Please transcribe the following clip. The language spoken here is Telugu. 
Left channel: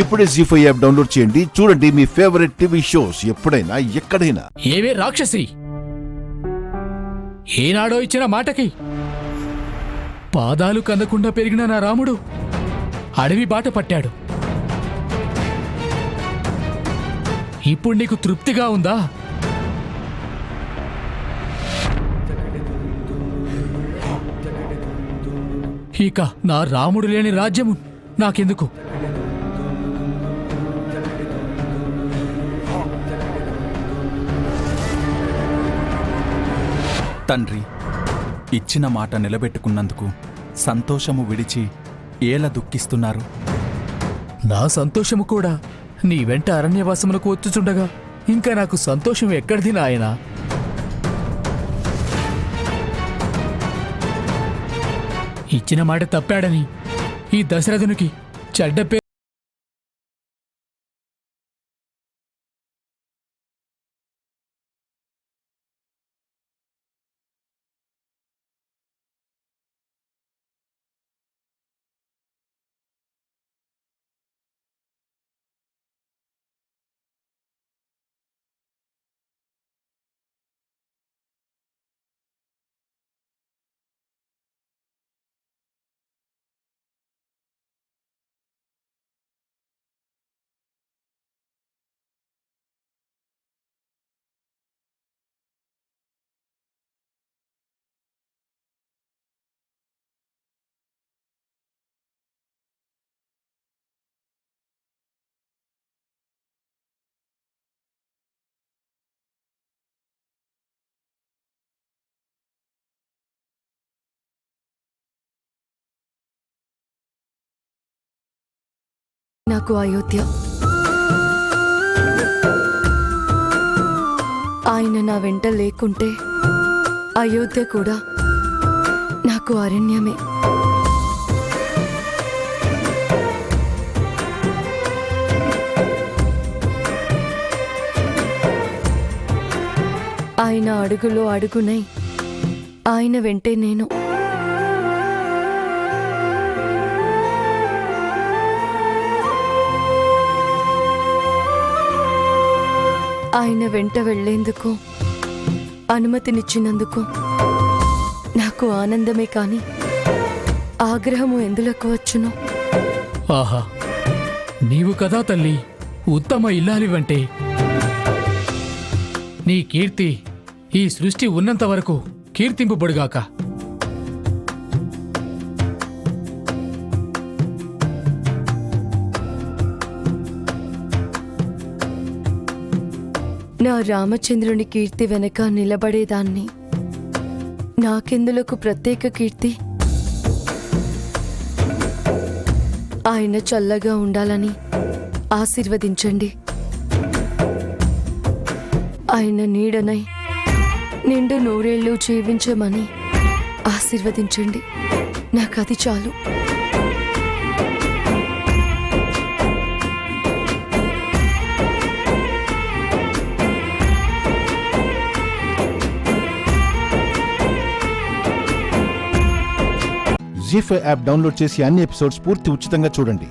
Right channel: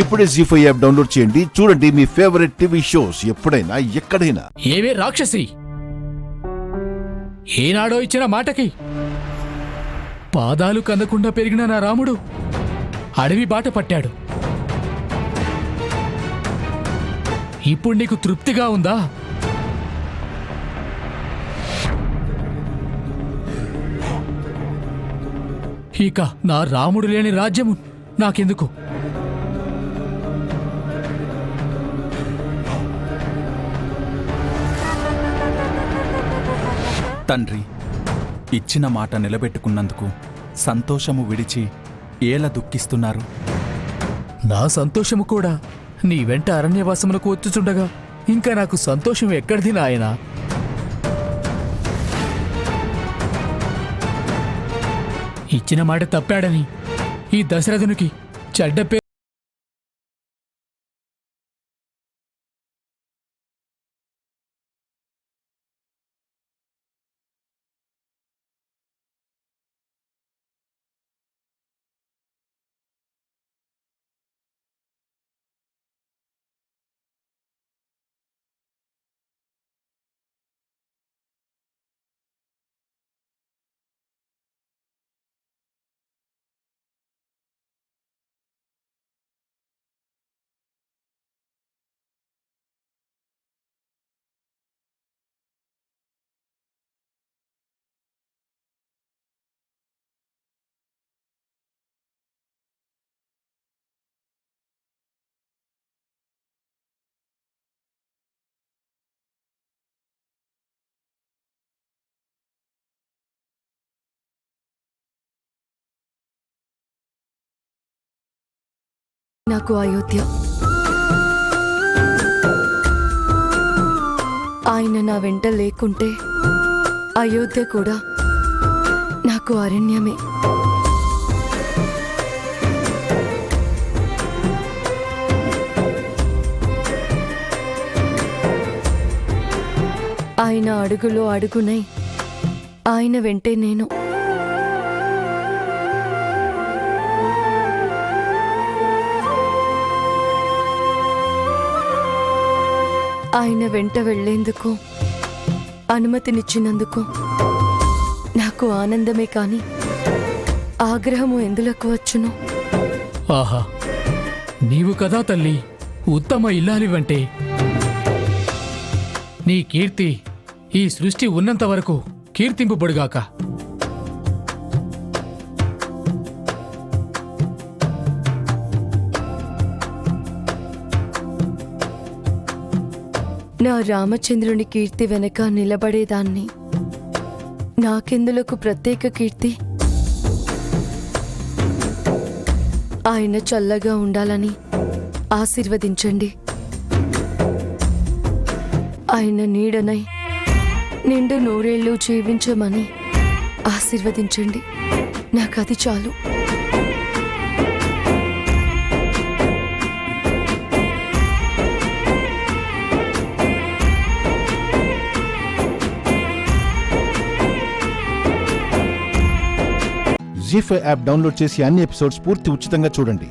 ఇప్పుడే జీ5 యాప్ డౌన్లోడ్ చేయండి. చూడండి మీ ఫేవరెట్ టీవీ షోస్ ఎప్పుడైనా ఎక్కడైనా. ఏవే రాక్షసి, ఏనాడో ఇచ్చిన మాటకి పాదాలు కందకుండా పెరిగిన నా రాముడు అడవి బాట పట్టాడు. ఇప్పుడు నీకు తృప్తిగా ఉందా? ఇక నా రాముడు లేని రాజ్యము నాకెందుకు? తండ్రి, ఇచ్చిన మాట నిలబెట్టుకున్నందుకు సంతోషము విడిచి ఏలా దుఃఖిస్తున్నారు? నా సంతోషము కూడా నీ వెంట అరణ్యవాసములకు వచ్చుచుండగా ఇంకా నాకు సంతోషం ఎక్కడిది నాయనా? ఇచ్చిన మాట తప్పాడని ఈ దశరథునికి చెడ్డ పేరు. నాకు అయోధ్య, ఆయన నా వెంట లేకుంటే అయోధ్య కూడా నాకు అరణ్యమే. ఆయన అడుగులో అడుగునై ఆయన వెంటే నేను. ఆయన వెంట వెళ్లేందుకు అనుమతినిచ్చినందుకు నాకు ఆనందమే కాని ఆగ్రహము ఎందులకు వచ్చును? ఆహా, నీవు కదా తల్లి ఉత్తమ ఇల్లాలివంటే. నీ కీర్తి ఈ సృష్టి ఉన్నంత వరకు కీర్తింపుబడుగాక. నా రామచంద్రుని కీర్తి వెనక నిలబడేదాన్ని. నాకెందులకు ప్రత్యేక కీర్తి? ఆయన చల్లగా ఉండాలని ఆశీర్వదించండి. ఆయన నీడనై నిండు నూరేళ్లు జీవించమని ఆశీర్వదించండి. నాకది చాలు. జీ5 యాప్ డౌన్లోడ్ చేసి అన్ని ఎపిసోడ్స్ పూర్తి ఉచితంగా చూడండి.